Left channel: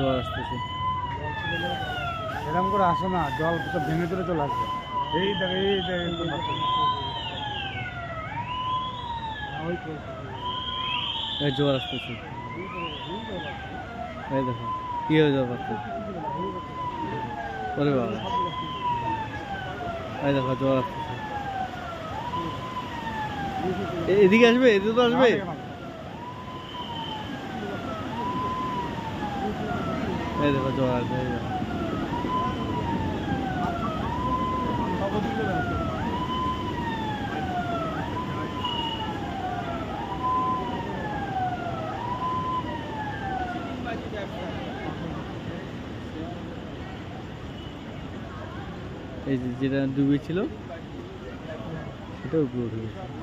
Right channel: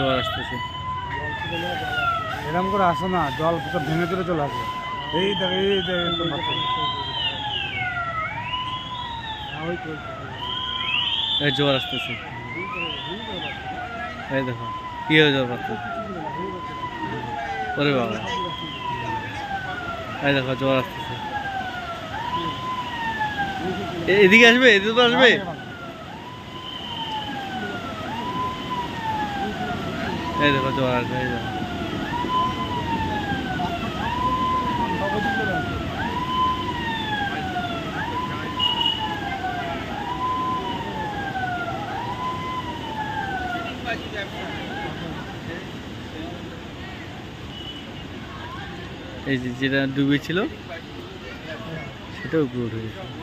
জোয়ার আসতেছে। এরকম করে আসো না, জল সব ভেঙে চলে চলে আসবে। এই দেখ এই দেখ এই জোয়ার আসতেছে, এই দেখো কি হয়ে জোয়ার পাচ্ছে। ওরে বাবা, এই দেখো জোয়ার আসতেছে। এদিকে আসবে, এদিকে তো আসবে। এই দেখো জোয়ার আসবে, এই দেখো। এই যে যেটা ডুবে ছিল সেটা উপরে উঠে গেছে।